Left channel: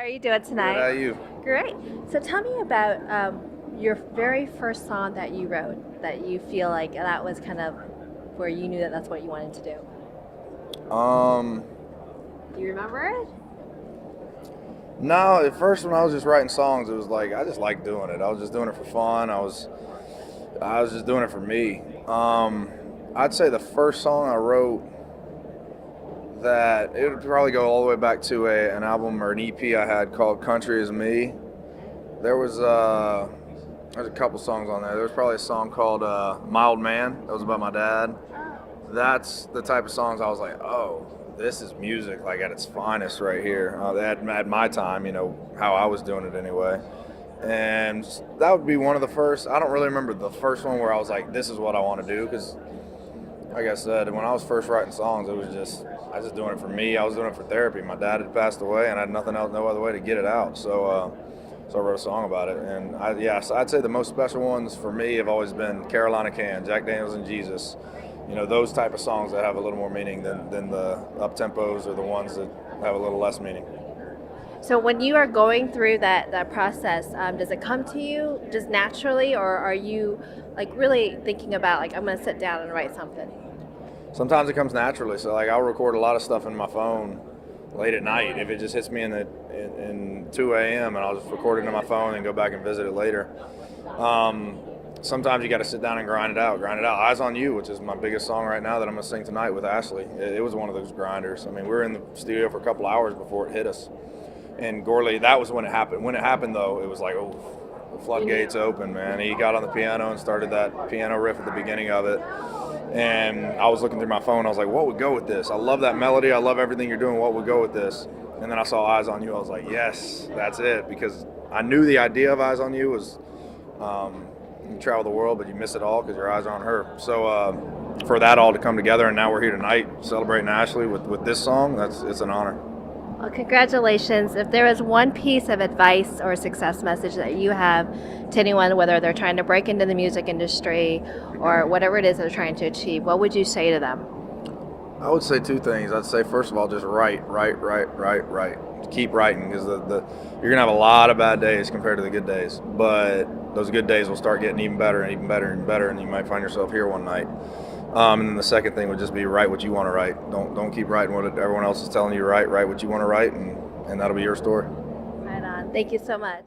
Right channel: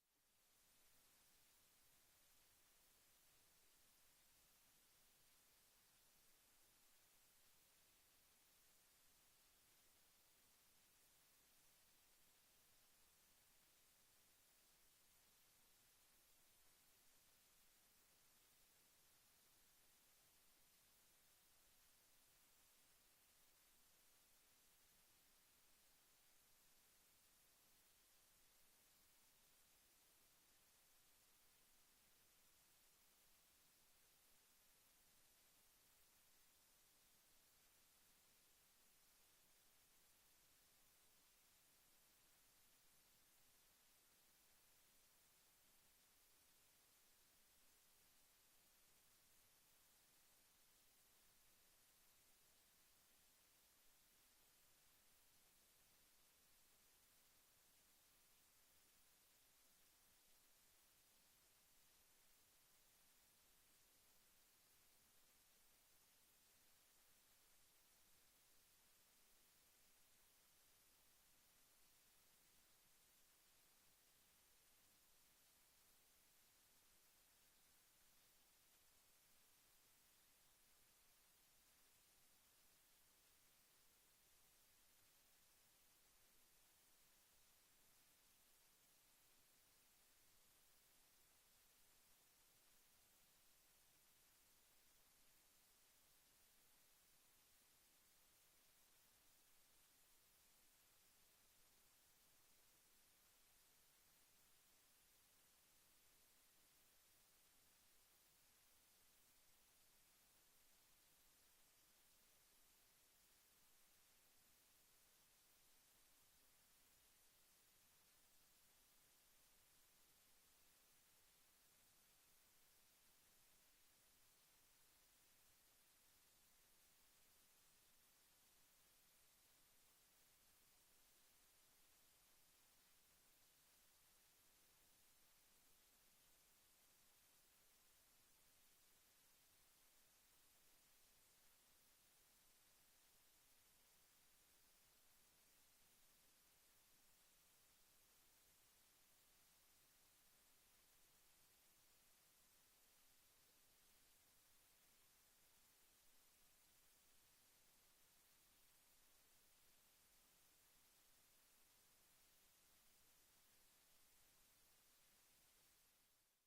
How are you doing tonight? Good, how are you? Great. So tell me about your very first song that you wrote that you feel like that was kind of where you knew that that's what you wanted to do. Um, Do you remember it? no, at first when I was just writing songs, it was like I just liked doing it. I was just doing it for fun. I was just doing it for me. I'd say the first song I wrote that it would probably go all the way back to an album or an EP I had called "Country Is Me." There was there's a couple songs on there. There was probably a song called "Mild Man." That was about my dad. That's the type of songs I was like, oh, this is music like at its finest right here. At my time, how I was doing it anyway. And that would be one of the first. I don't really remember the first one where I was like, this is what I want to do, because like I said, when I was first writing songs, I was just doing it for me. I was doing it for therapy. My dad had passed away, and I had nothing else, no other way to get it out. So I wrote a song about it. And so I'd say the most special ones for me have always been Carolina Can, Jack Daniels and Jesus. Those type of songs that have a little more meaning than the up tempos or the ones that have a little less meaning. So when you are going through that process, does it come to you just naturally, or are you like really thinking about like I'm going to sit down and write something? Sometimes it comes naturally. So like I'll record a lot of stuff in my phone late at night if it just hits me in 2 a.m. and I'll just record it in my phone and go back and visit it later. Sometimes you got to sit down and grind it out. Eyes on You, which is my biggest song right now that I'm going to sing tonight with Ashley. It was one of those grinders. I mean, we were in the studio for a couple hours before it hit us. And Gorley, that was when it happened. When it happened, though, it was like, oh, the floodgates open, man. He got on the piano and started that piano riff at the beginning of it. And I was looking through my phone. I was like, what would go with this? I love that melody. I love everything you're doing. What would go with this? And then I saw Eyes on You. I was like, yes, that's it. Because I knew the idea of Eyes on You was you travel the world, but you miss it all because your eyes are on her. So for that all to come together, and now we're here tonight celebrating Ashley with this song, it's an honor. Well, congratulations. If there was one piece of advice or success message that you have to anyone, whether they're trying to break into the music industry or whatever it is they're trying to achieve, what would you say to them? I would say two things. I'd say, first of all, just write. Keep writing, because you're going to have a lot of bad days compared to the good days. But those good days will start getting even better and even better and better, and you might find yourself here one night. And then the second thing would just be write what you want to write. Don't keep writing what everyone else is telling you to write. Write what you want to write, and that'll be your story. Right on. Thank you so much.